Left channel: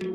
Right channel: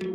Hey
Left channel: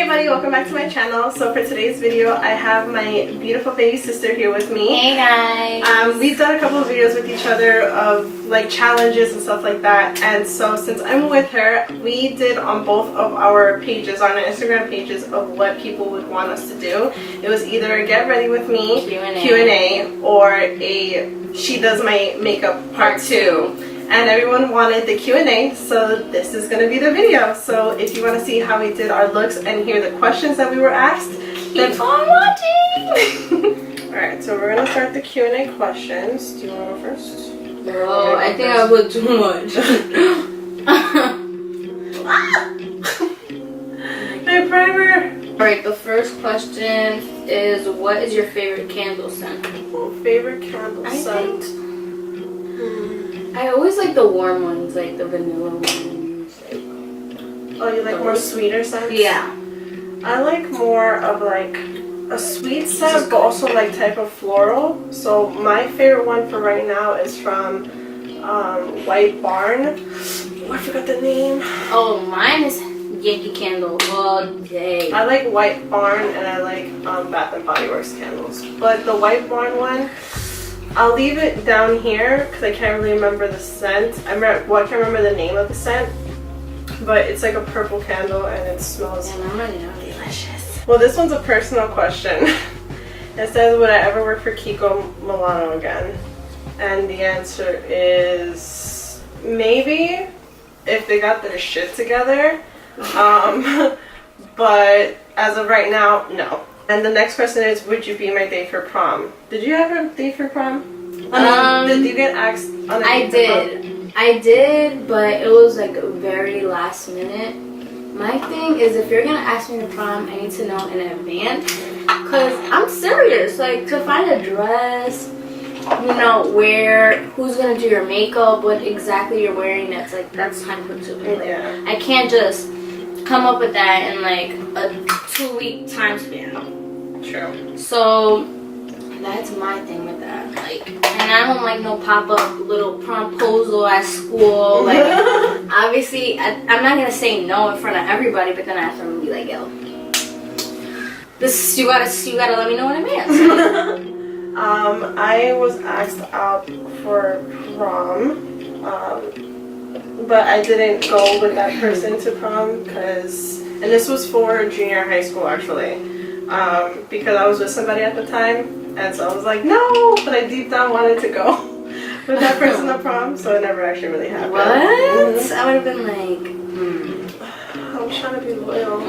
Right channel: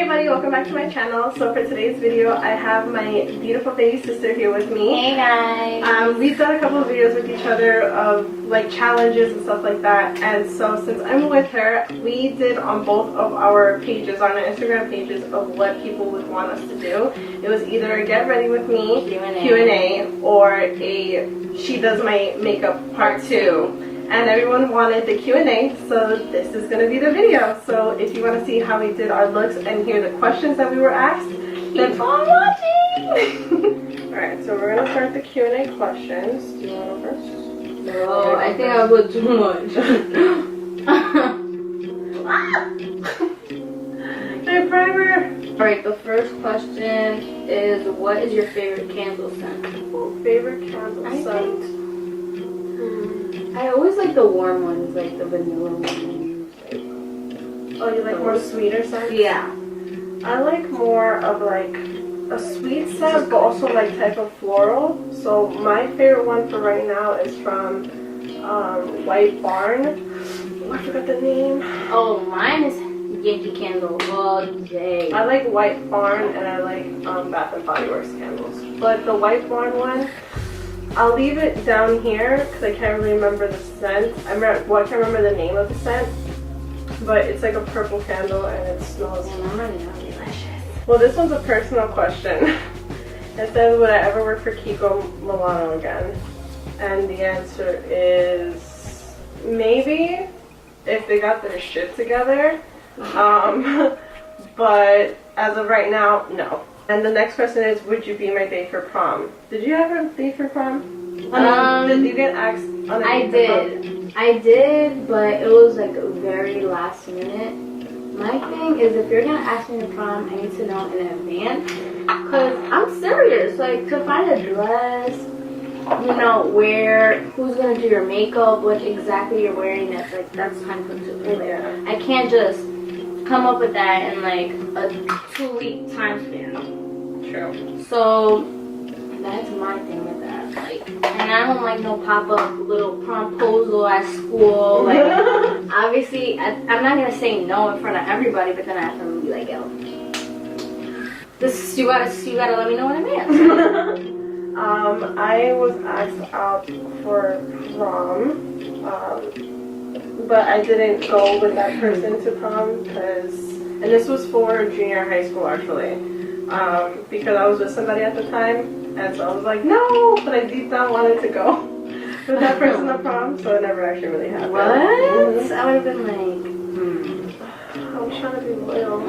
everybody, welcome back to my channel. So for today's video, I have my beautiful baby sister here with me. Hey guys! We've done a couple of videos with each other of like challenges and stuff like that. And so since I'm with her, we did on both of our pages, on our Instagram pages, of what people would want us to do. It was either a get ready with me Q&A or a she does my makeup part 2. And everyone wanted the Q&A, so this is going to be the video. So if you want to see how we did our looks and hear the questions that we were asked, keep on watching! Alright, so we're going to start the Q&A questions. Do you want to go first? Oh, I think I put too much. My primer! Alright, the first question is, what is your favorite candle scent? Oh, favorite candle scent? I always like the warm ones, like the vanilla ones. Oh, you like more sweeter scents? Yeah. I like more of like a sweet scent, but also like type of floral. So my favorite one for right now is from White Barn. Oh, I forgot the name. Oh, mine is Yankee Candle all day. I like White Barn and I like Bath and Body Works candles. But the White Barn one, I'll leave it down here because I can't really remember the scent. I can't remember the name of the scent, but it's like a purple candle and it smells delicious. Well, this one's a personal question. It says, would I ever work for Kiko Milano again? And the answer is maybe if they got their shit together. But as of right now, no. And the next question is, would you be my date for prom? Did you have a date for prom? Did you get asked on a date for prom? I did, but it was like very last minute. My thing is, if you're gonna ask me to prom, I need to know in advance, cause I'm serious. Like, to find a dress, you know, who's gonna do your makeup, what exactly you're wearing, that's time consuming. Yeah. I can't just come up with that in like a 2-week time span. True. So that's my thing with that. Like, and I don't like no pop-up little promposal at school. Like, obviously, I'm not gonna say no in front of everybody, but then I have to be like, yo, this you gotta let me know in advance. I was asked out for prom, but I didn't go with that person to prom and this was for junior high school actually. Because I was with somebody at the time, and so I was like, no, but I deep down wanted to go with that person to prom, so it never actually really happened. What? Mm-hmm. I would have been like, I was trying to be loyal.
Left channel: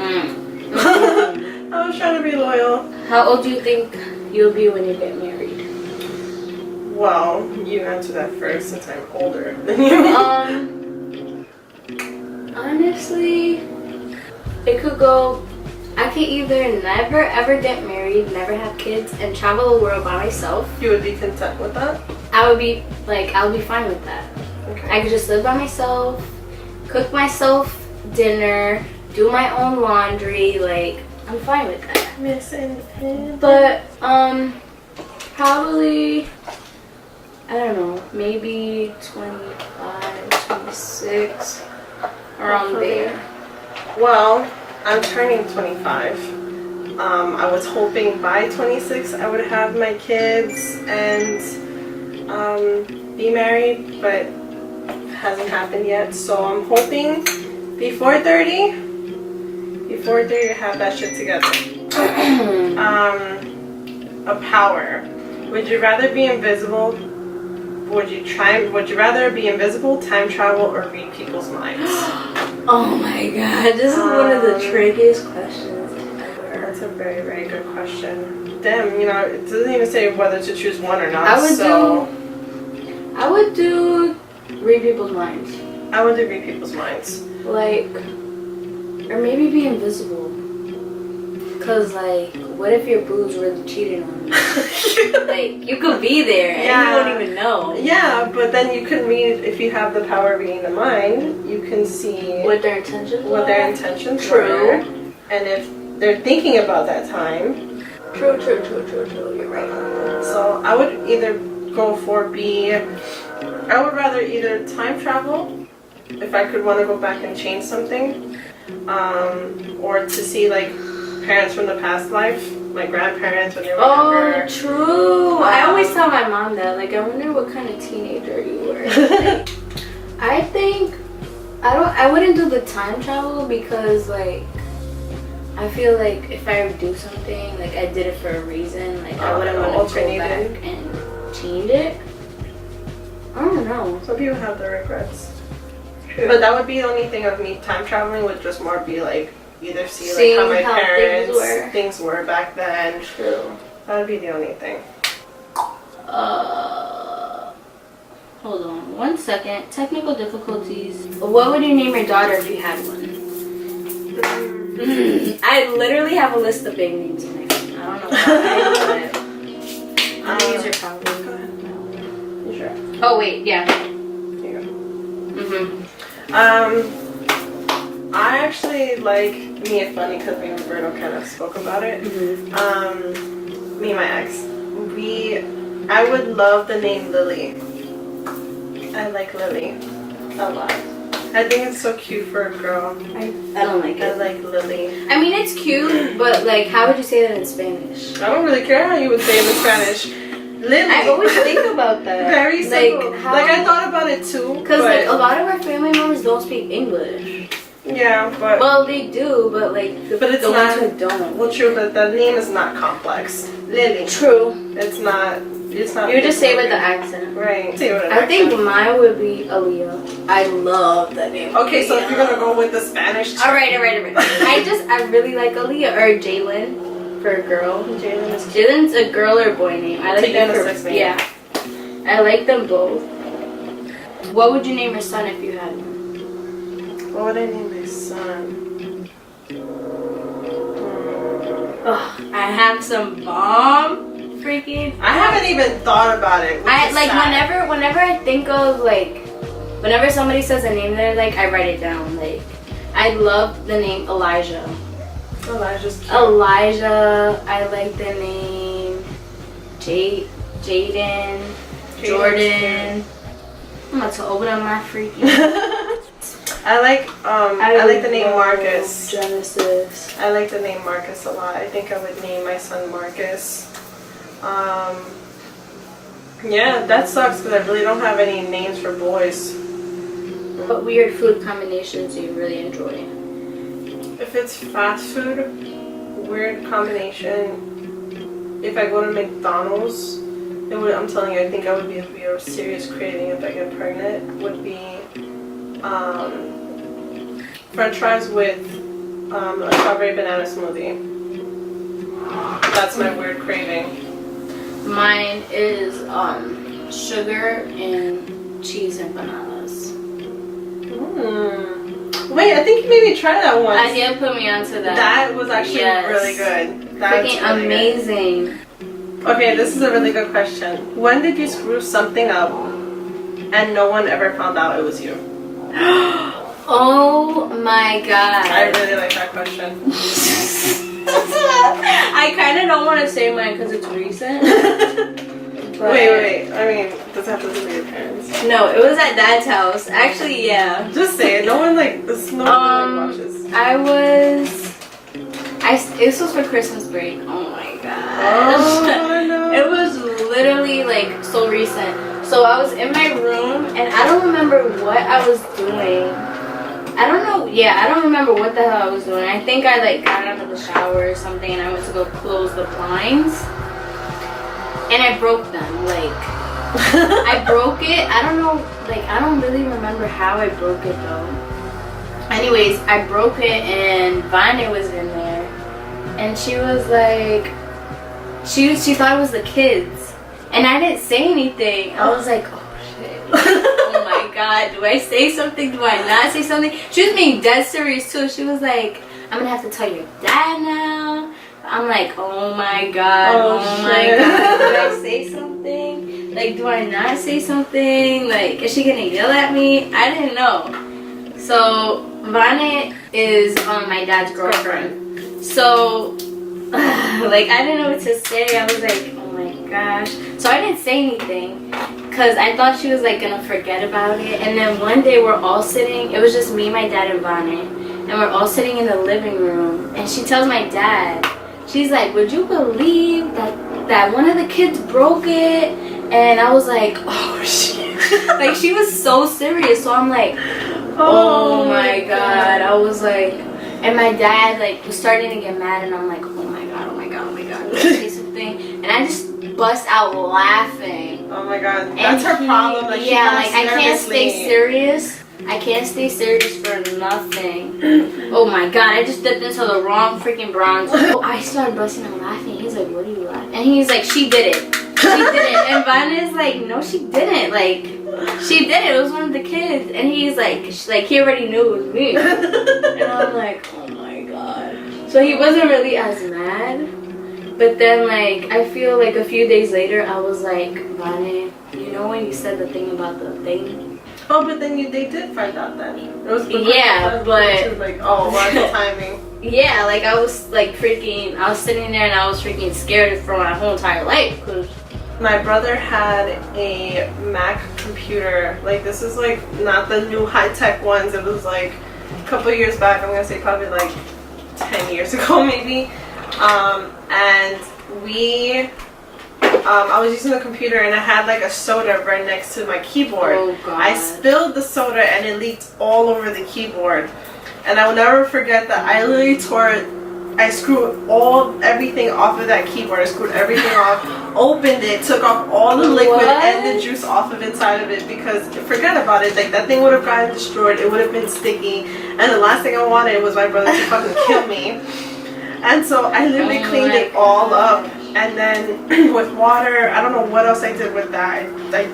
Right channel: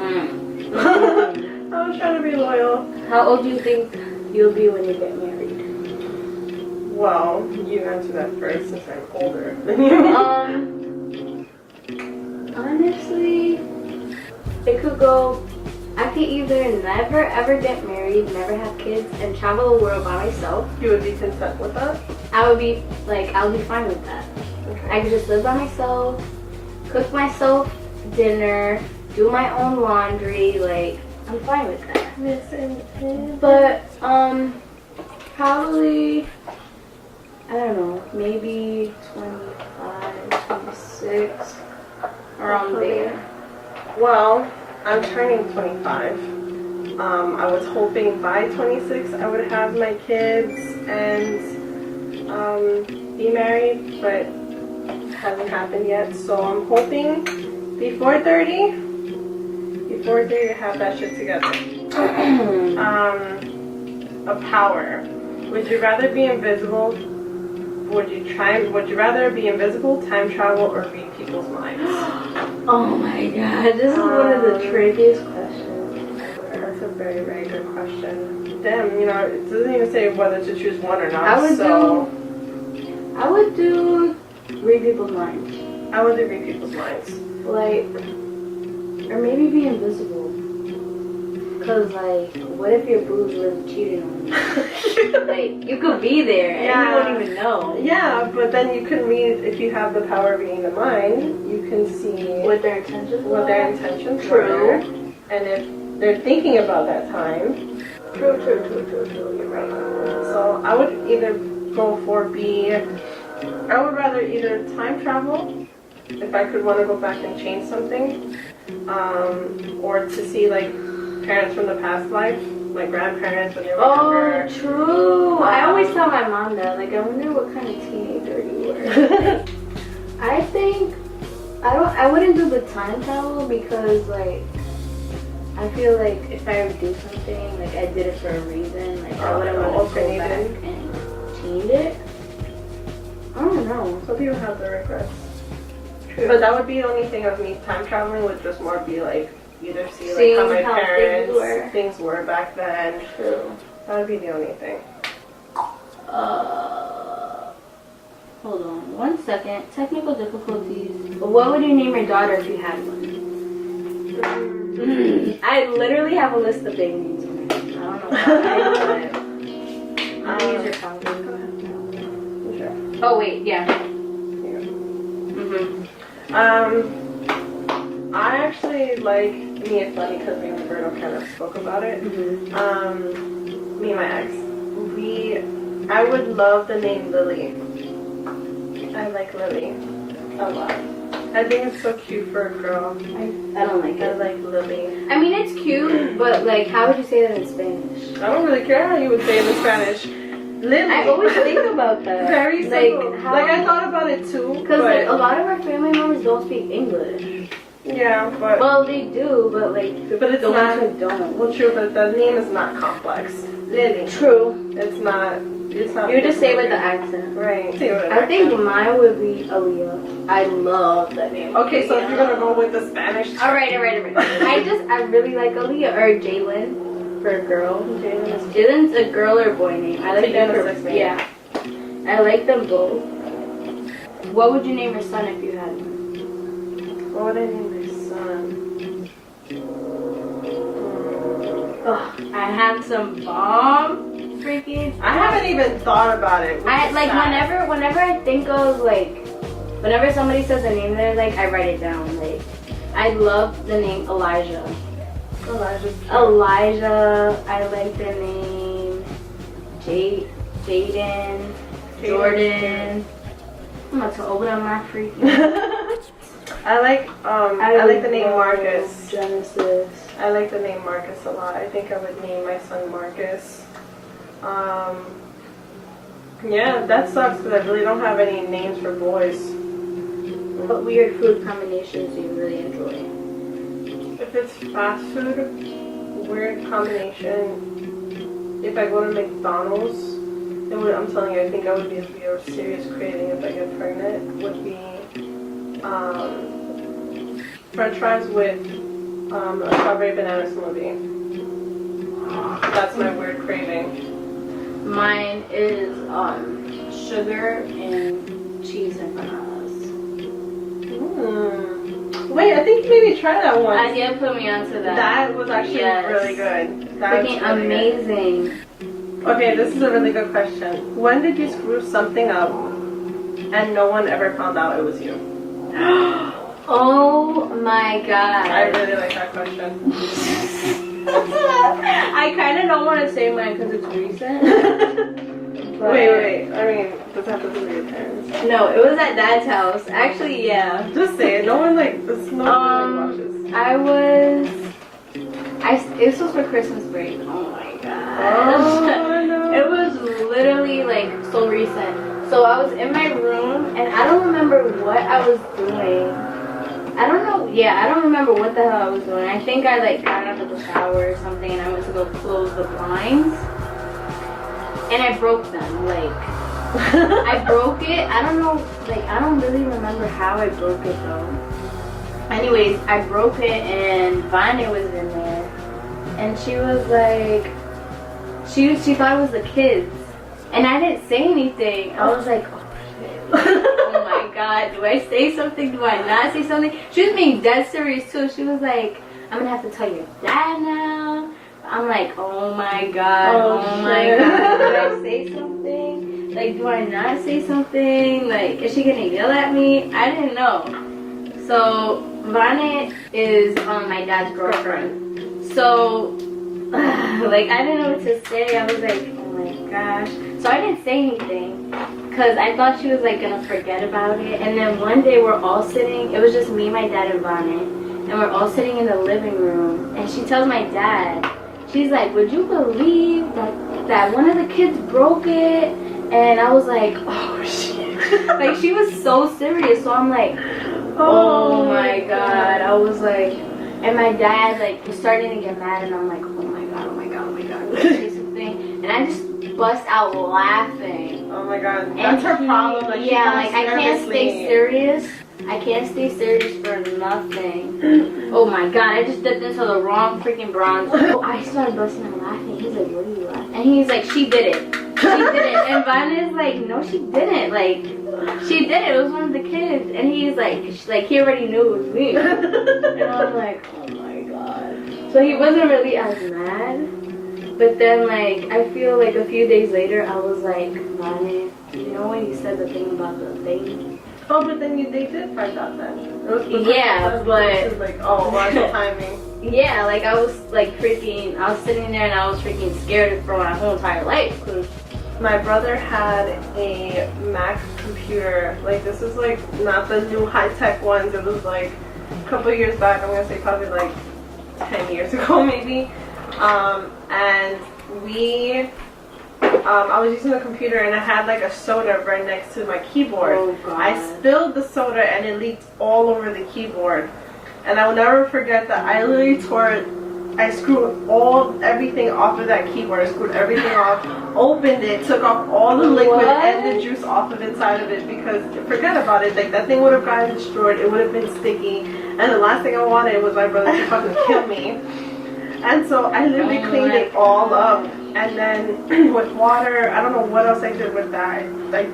I was trying to be loyal. How old do you think you'll be when you get married? Well, you answer that first since I'm older than you. Honestly, it could go. I could either never ever get married, never have kids, and travel the world by myself. You would be content with that? I would be fine with that. Okay. I could just live by myself, cook myself dinner, do my own laundry, like, I'm fine with that. But, probably, I don't know, maybe 25, 26, around there. Well, I'm turning 25. I was hoping by 26 I would have my kids and be married, but it hasn't happened yet. So I'm hoping before 30 to have that shit together. A power. Would you rather be invisible? Would you rather be invisible, time travel, or read people's minds? Oh my god, this is one of the trickiest questions ever. That's a very, very good question. Damn, you know, it doesn't even say whether to choose one or not. I would do read people's minds. I would do read people's minds. Like, or maybe be invisible. Cause like, what if your boobs really cheated on you? Like, you could be there and you won't even know. Yeah, but then you can read, if you have the power of reading the mind, you can see what their intentions were. True. And if they're thinking about that time. True. You're right. So I would either go for I would rather either time travel if I could want to go back and change something, or to see like parents from the past life, my grandparents when they were younger. Oh, true. I always tell my mom that. Like, I wonder what kind of teenager you were. Like, I think I wouldn't do the time travel because like I feel like if I would do something, like I did it for a reason. Like I wouldn't want to go back and change it. I don't know. Some people have the regrets. True. But that would be the only thing of me time traveling would just more be like either see like how my parents things were back then. True. That would be the only thing. Hold on 1 second. Technical difficulties. What would you name your daughter if you had one? I literally have a list of big names in my head. I don't know why, but I'm gonna use your phone. Go ahead. Sure. Oh wait, yeah. Here you go. Mhm. I actually like me and Funny because me and Roberto kind of spoke about it. Mhm. Me and my ex, I would love the name Lily. I like Lily a lot. I think it's so cute for a girl. I don't like I it. like Lily. I mean, it's cute, but like, how would you say that in Spanish? I don't really care how you would say it in Spanish. Lily. I always think about that. Very simple. Like, Like I thought about it too. Because like a lot of our family members don't speak English. Yeah, but Well, they do, but like But it's the ones not- who don't. well, true. But the name is not complex. Lily. True. It's not. It's not. You would just say it with the accent. Right. Say it with an I think accent. mine would be Aaliyah. I love that name. Okay, so if you're gonna Aaliyah. go with the Spanish. Alright. I really like Aaliyah or Jalen for a girl. Jalen is cute. Jalen's a girl or boy name. I like So them. unisex name. Yeah. I like them both. What would you name your son if you had one? What would I name my son? Ugh, I have some bomb freaking. I haven't even thought about it. which I is like sad. whenever I think of like whenever somebody says a name that I like, I write it down. Like I love the name Elijah. Elijah's cute. Elijah. I like the name Jaden. Jordan. I'm about to open up my freaking. I like the name Marcus. Genesis. I like the name Marcus a lot. I think I would name my son Marcus. Yeah, that sucks because I really don't have any names for boys. What weird food combinations do you really enjoy? If it's fast food, weird combination. If I go to McDonald's, I'm telling you, I think I would be a serious craving if I get pregnant. Would be French fries with a strawberry banana smoothie. That's my weird craving. Mine is sugar and cheese and bananas. Wait, I think you made me try that once. I did put me onto that. That was actually Yes. really good. That was Freaking really amazing. good. Okay, this is a really good question. When did you screw something up and no one ever found out it was you? Oh my god. I really like that question. I kind of don't want to say mine because it's recent. But Wait. I mean, does it have to do with your parents? No, it was at Dad's house. Actually, yeah. Just say it. No one watches. This was for Christmas break. Oh my god. Oh no. It was literally like so recent. So I was in my room and I don't remember what I was doing. I don't know. Yeah, I don't remember what the hell I was doing. I think I like got out of the shower or something and I went to go close the blinds. And I broke them. Like, I broke it. I don't know. Like, I don't really remember how I broke it though. Anyways, I broke it and Vanya was in there. And she was like, she thought it was the kids. And I didn't say anything. I was like, oh shit. Oh my god. Do I say something? Do I not say something? She was being dead serious too. She was like, I'm gonna have to tell your dad now. I'm like, oh my god, oh my god, do I say something? Like, do I not say something? Like, is she gonna yell at me? I didn't know. So, Vanya is my dad's girlfriend. So, like, I didn't know what to say. I was like, oh my gosh. So I didn't say anything. because I thought she was like gonna forget about it. And then one day we're all sitting, it was just me, my dad, and Bonnie, and we're all sitting in the living room, and she tells my dad, she's like, would you believe that one of the kids broke it? And I was like, oh shit. Like, she was so serious. So I'm like, oh my god. I was like, and my dad like was starting to get mad, and I'm like, oh my god, oh my god, oh my god. Say something, and I just bust out laughing. Oh my god, that's her problem. Like, yeah, like I can't stay serious. I can't stay serious for nothing. Oh my god, I just dipped into the wrong freaking bronze. Oh, I started busting out laughing. He's like, what are you laughing? And he's like, she did it. She did it. And Vanna's like, no, she didn't. Like, she did it. It was one of the kids. And he's like he already knew it was me. And I'm like, oh my god. So he wasn't really as mad. But then, like, I feel like a few days later, I was like, Vanna, you know when you said the thing about the thing? Oh, but then they did find out then. It was yeah, but she was like, oh, what's the timing? Yeah, like I was like freaking, I was sitting there and I was freaking scared for my whole entire life. My brother had a Mac computer. Like, this is like not the new high-tech ones. It was like a couple years back. I'm gonna say probably like 10 years ago maybe. And I was using the computer and I had like a soda right next to my keyboard. Oh, God. I spilled the soda and it leaked all over the keyboard. And I will never forget that I literally I screwed everything off of that keyboard. I screwed everything off, opened it, took off all the liquid and the juice off of inside of it, because forget about it, like that thing would have gotten destroyed, it would have been sticky, and the last thing I wanted was my brother to fucking kill me. And so I literally cleaned it all up, and then with water, I don't know what else I did with that, like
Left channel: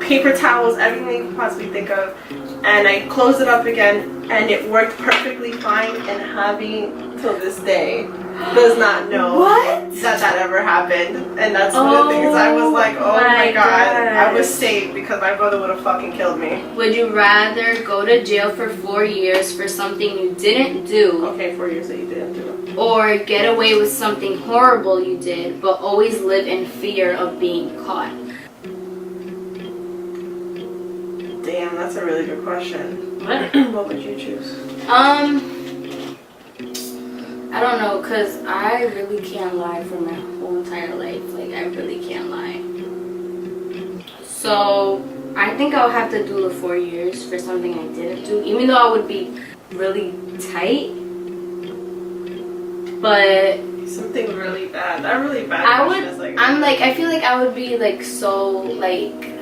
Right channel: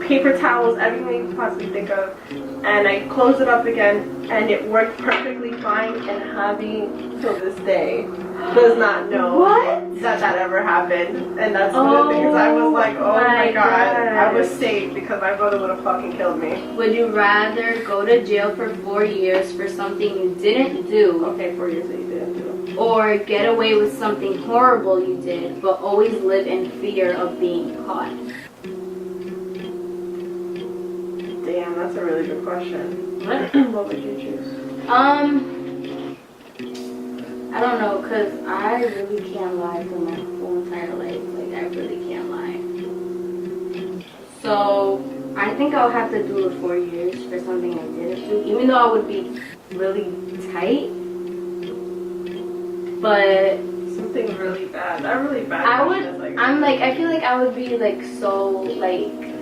paper towels, everything you could possibly think of, and I closed it up again, and it worked perfectly fine. And Javi, till this day, does not know that ever happened. And that's one of the things I was like, oh my god, I was saved because my brother would have fucking killed me. Would you rather go to jail for 4 years for something you didn't do? Okay, 4 years that you didn't do. Or get away with something horrible you did, but always live in fear of being caught? Damn, that's a really good question. What? What would you choose? I don't know, because I really can't lie for my whole entire life. Like, I really can't lie. So, I think I'll have to do the 4 years for something I didn't do, even though I would be really tight. But something really bad. That really bad question is like... I feel like I would be, like, so, like...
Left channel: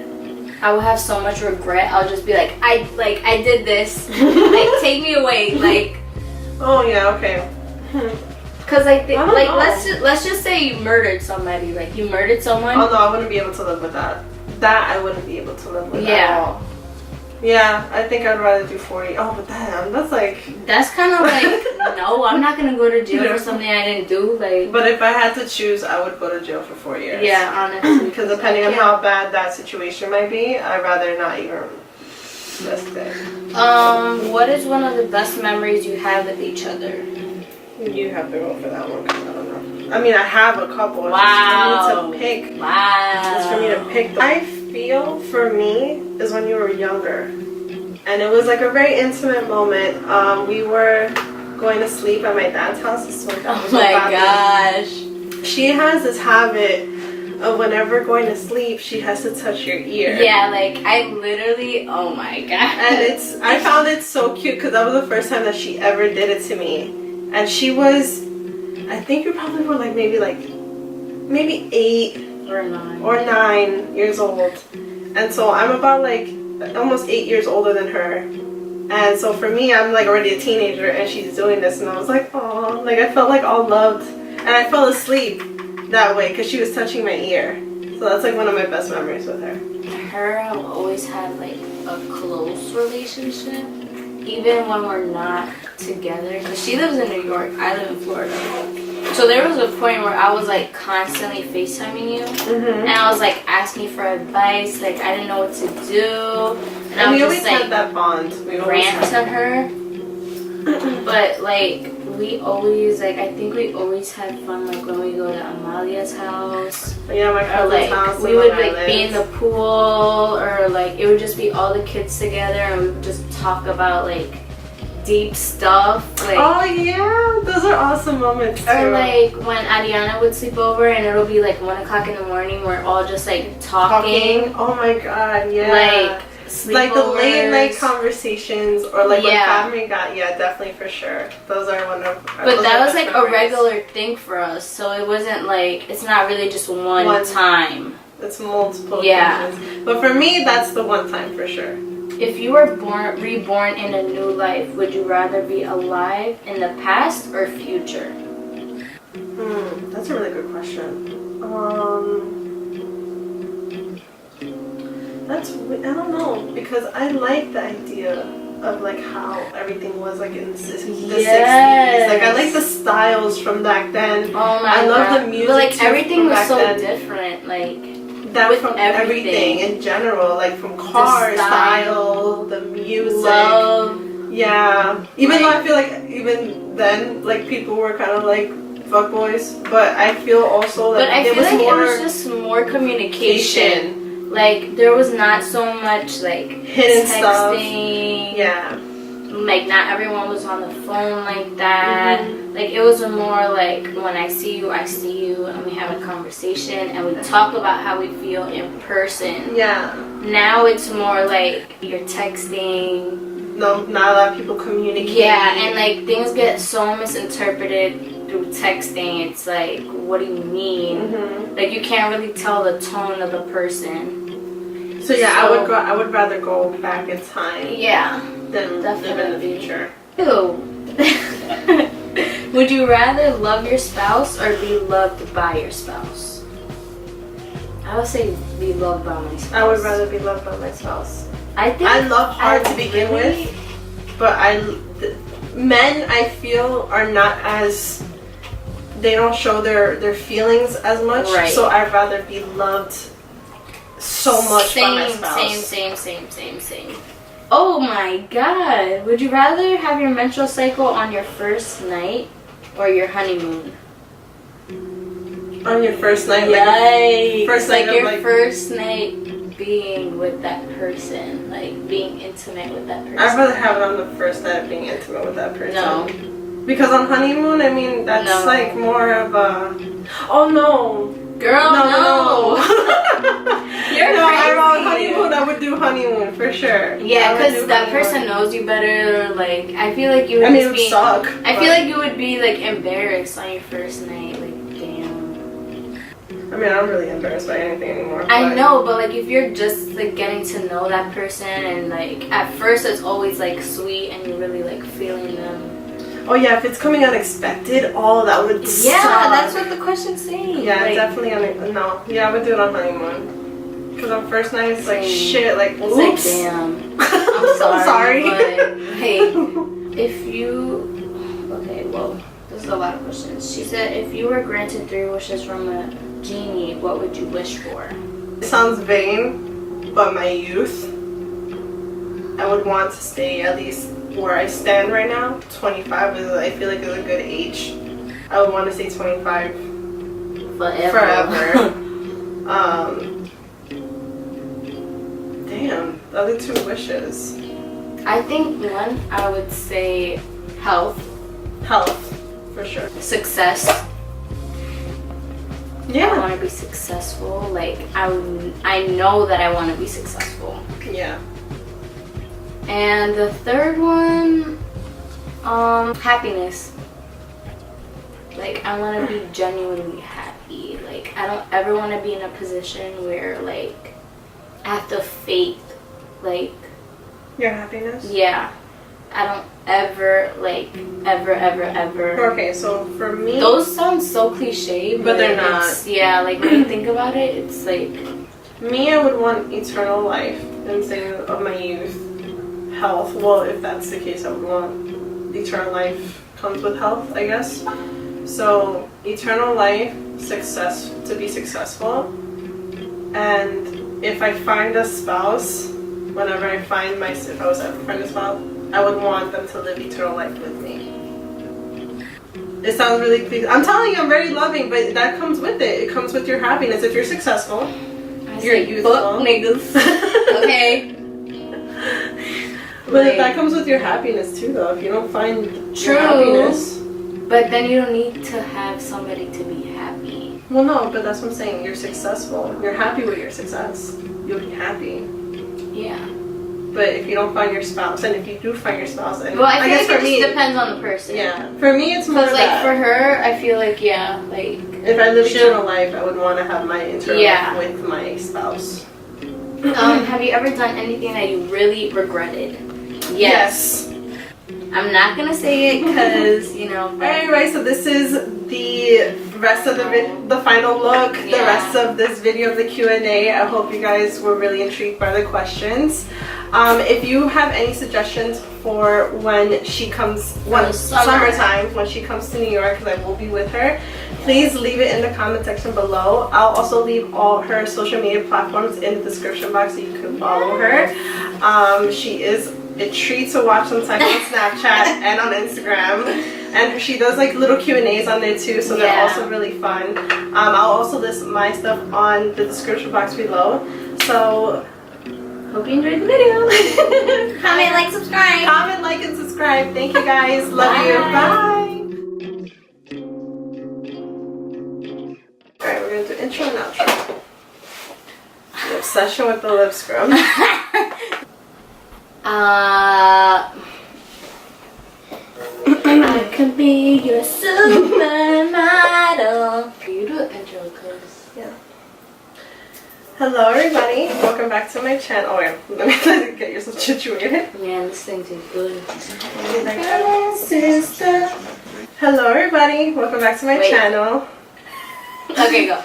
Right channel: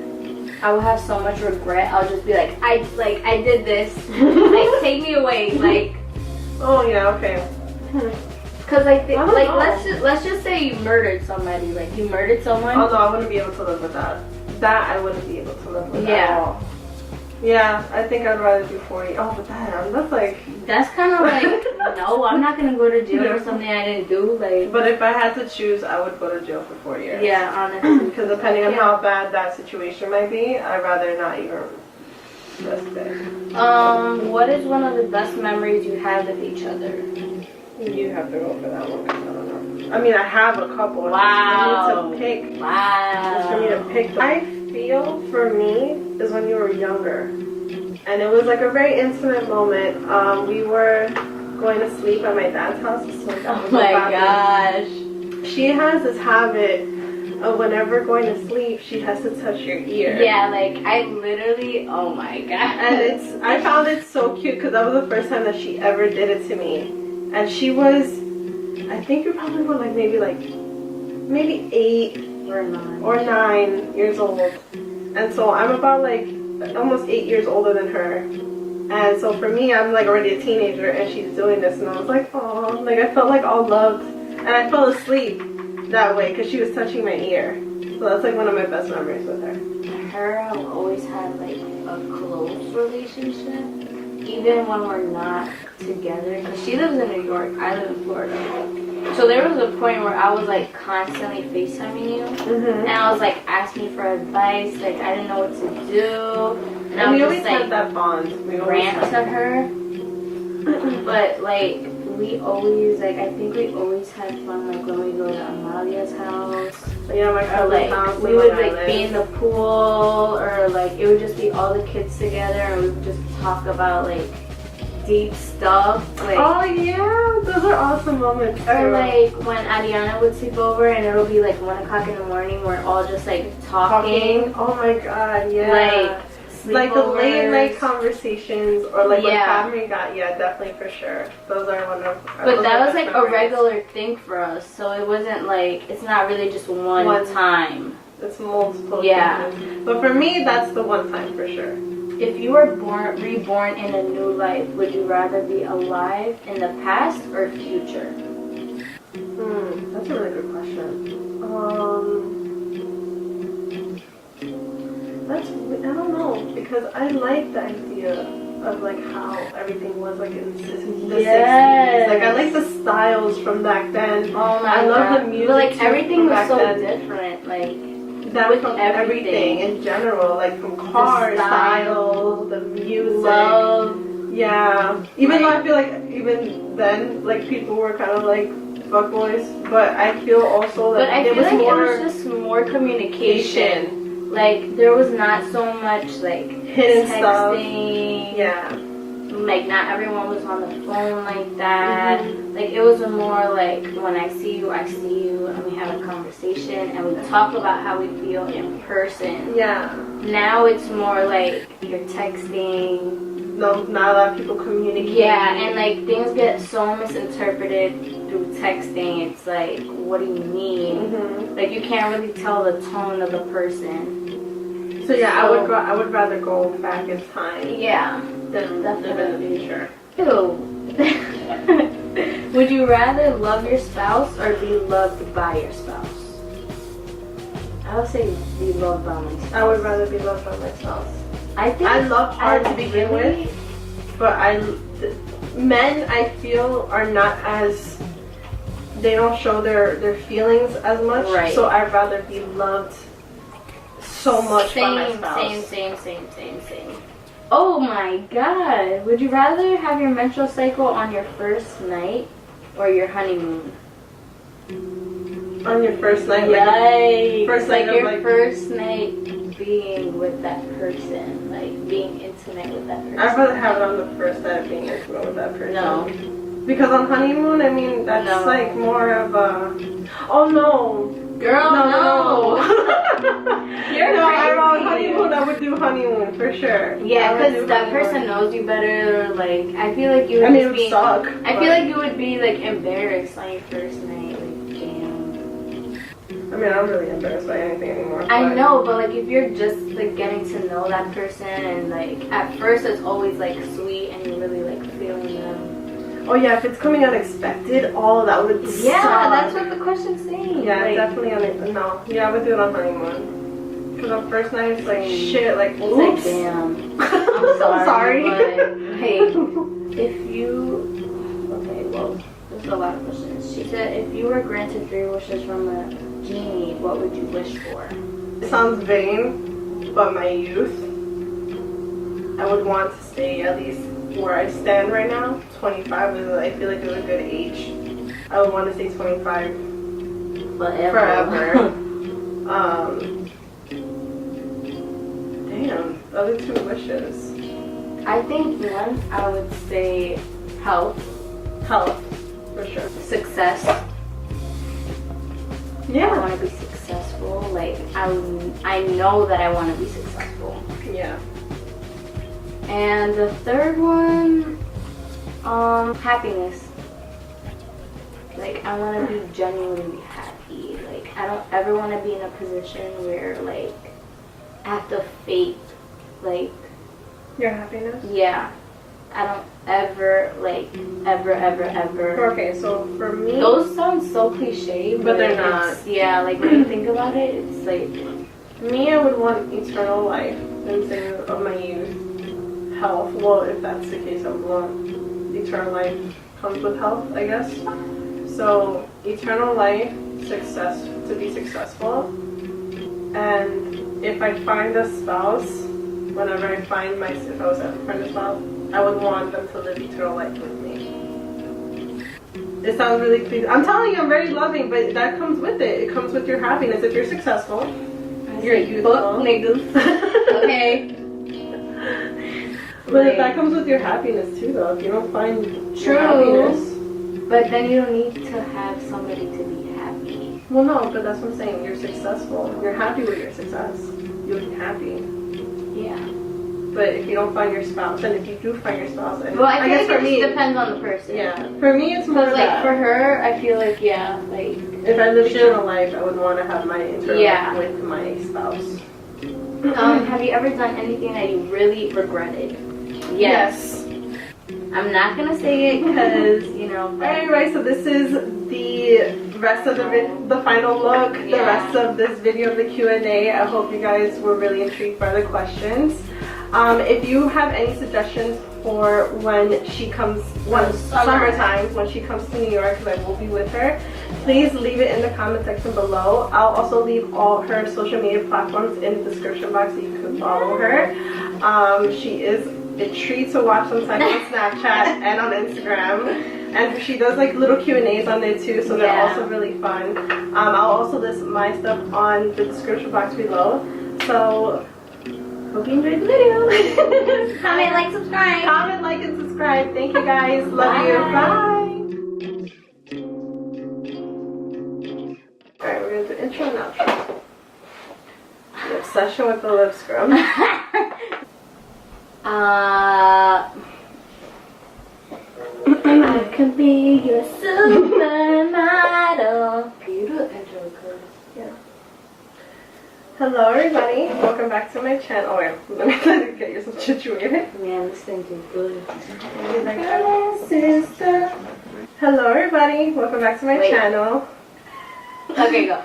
I would have so much regret. I'll just be like, I did this. Like, take me away. Like... Oh, yeah, okay. Cause I think, like, let's just say you murdered somebody, like you murdered someone. Oh no, I wouldn't be able to live with that. That I wouldn't be able to live with at all. Yeah, I think I'd rather do 40. Oh, but damn, that's kind of like, no, I'm not gonna go to jail for something I didn't do. Like, but if I had to choose, I would go to jail for 4 years. Yeah, honestly. Because depending on how bad that situation might be, I'd rather not even risk it. What is one of the best memories you have with each other? You have to go for that one, because I don't know. I mean, I have a couple. Wow. It's for me to pick. Wow. It's for me to pick. I feel for me is when you were younger. And it was like a very intimate moment. We were going to sleep at my dad's house. Oh my gosh. She has this habit of whenever going to sleep, she has to touch your ear. Yeah, like I literally, oh my god. And I found it so cute because that was the first time that she ever did it to me. And she was, I think you probably were like maybe 8 or 9 years old. And so I'm about like almost 8 years older than her. And so for me, I'm like already a teenager and she's doing this, and I was like, oh, like I felt like all loved. And I fell asleep that way because she was touching my ear. So that's like one of my best memories with her. Her have always had like a close relationship, even when we're not together, because she lives in New York, I live in Florida. So there was a point where I was like constantly FaceTiming you, and I was like asking for advice, like I didn't know what to do, and I we was always just like had that bond. We rant to her. But like we always like, I think we always had fun like when we go to Amalia's house. Yeah, my Or cousin's like house. we would like be in the pool, or like it would just be all the kids together and we would just talk about like deep stuff. Like, oh yeah, those are awesome moments too. or like when Ariana would sleep over and it'll be like 1 o'clock in the morning, we're all just like talking. Oh my god, yeah. Like the late night conversations, or like when Yeah. family got, yeah, definitely for sure. Those are one of. But those that are was best like a memories. regular thing for us, so it wasn't like, it's not really just one time. It's multiple Yeah. occasions. But for me, that's the one time for sure. If you were reborn in a new life, would you rather be alive in the past or future? That's a really good question. I don't know, because I like the idea of like how everything was like in the 60s. Yes. Like I like the styles from back then. Oh my I love God. the music But like too everything from was back so then. different. Like That with from everything. in general, like from car style, the music. love. Yeah. Even though I feel like even then, like people were kind of like fuckboys, but I feel also But like I there feel was like more it was just more communication. Like there was not so much like hidden stuff. texting. Yeah. Like not everyone was on the phone like that. Like it was more like when I see you, and we have a conversation and we talk about how we feel in person. Yeah. Now it's more like you're texting. No, not a lot of people communicate. Yeah, and like things get so misinterpreted through texting. It's like, what do you mean? Like you can't really tell the tone of the person. So yeah, I would rather go back in time. Yeah. Than live in the future. Ew. Would you rather love your spouse or be loved by your spouse? I would say be loved by my spouse. I would rather be loved by my spouse. I think I love hard to begin with, but men I feel are not as, they don't show their feelings as much. Right. So I'd rather be loved so much by my spouse. Same. Oh my God. Would you rather have your menstrual cycle on your first night or your honeymoon? On your first night, Yikes. first night like of, your like- first night being with that person, like being intimate with that person. I'd rather have it on the first night of being intimate with that person. No. Because on honeymoon, I mean, that's No. like more of a, oh no. Girl, no. You're no, crazy. on honeymoon, I would do honeymoon for sure. Yeah, I would because do that honeymoon. person knows you better. Like, I feel like you would I mean, it just would be. suck. I feel like you would be like embarrassed on your first night. Like, damn. I mean, I'm really embarrassed by anything anymore. I but- know, but like if you're just like getting to know that person and like at first it's always like sweet and you're really like feeling them. Oh yeah, if it's coming unexpected, oh that would Yeah, suck. that's what the question's saying. Yeah, like, definitely no. Yeah, I would do it on honeymoon. Because on first night it's like shit, like It's oops. like damn. I'm sorry. But, hey, if you okay, well, this is a lot of questions. She said if you were granted 3 wishes from a genie, what would you wish for? It sounds vain, but my youth. I would want to stay at least where I stand right now. 25 is, I feel like, is a good age. I would want to stay 25 forever. Damn, the other 2 wishes. I think one, I would say health, Health, for sure. success. I Yeah. want to be successful. Like I know that I want to be successful. Yeah. And the third one, happiness. Like I want to be genuinely happy. Like I don't ever want to be in a position where like I have to fake like Your happiness? yeah. I don't ever like ever. Okay, so for me, Those sound so cliche, But they're not. it's- Yeah, like when you think about it, it's like me, I would want eternal life instead of my youth. Health, well, if that's the case, I would want eternal life comes with health, I guess. So, eternal life, success, to be successful. And if I find a spouse, whenever I find if I was ever find a spouse, I would want them to live eternal life with me. It sounds really cliche. I'm telling you, I'm very loving, but that comes with it. It comes with your happiness. If you're successful, you're youthful. Fuck niggas. Okay. But that comes with your happiness too, though. If you don't find True. your happiness. But then you don't need to have somebody to be happy. Well, no, but that's what I'm saying. You're successful. You're happy with your success. You'll be happy. Yeah. But if you don't find your spouse, and if you do find your spouse, and Well, I guess think for it me, just depends on the person. yeah. For me, it's more Because, like, that. for her, I feel like, yeah, like... If I live eternal life, I would want to have my eternal Yeah. life with my spouse. Have you ever done anything that you really regretted? Yes. I'm not gonna say it because, you know. Anyway, so this is the rest of the final look, the rest of this video of the Q&A. I hope you guys were really intrigued by the questions. If you have any suggestions for when she comes, summertime, when she comes to New York, because I will be with her, please leave it in the comment section below. I'll also leave all her social media platforms in the description box so you can follow her. She is a treat to watch sometimes on Snapchat and on Instagram, and she does like little Q&As on there too, so they're also really fun. I'll also list my stuff on the description box below. So Hope you enjoyed the video. Comment, like, subscribe. comment, like, and subscribe. Thank you guys. Love you. Bye. Alright, we're gonna do intro and outro. The obsession with the lip scrub. I could be your supermodel. For you to intro, cause Hello everybody, welcome back to my channel. Oh wait, let me get yourself situated. man, this thing tastes good. Sister. Hello everybody, welcome back to my channel. Okay, go.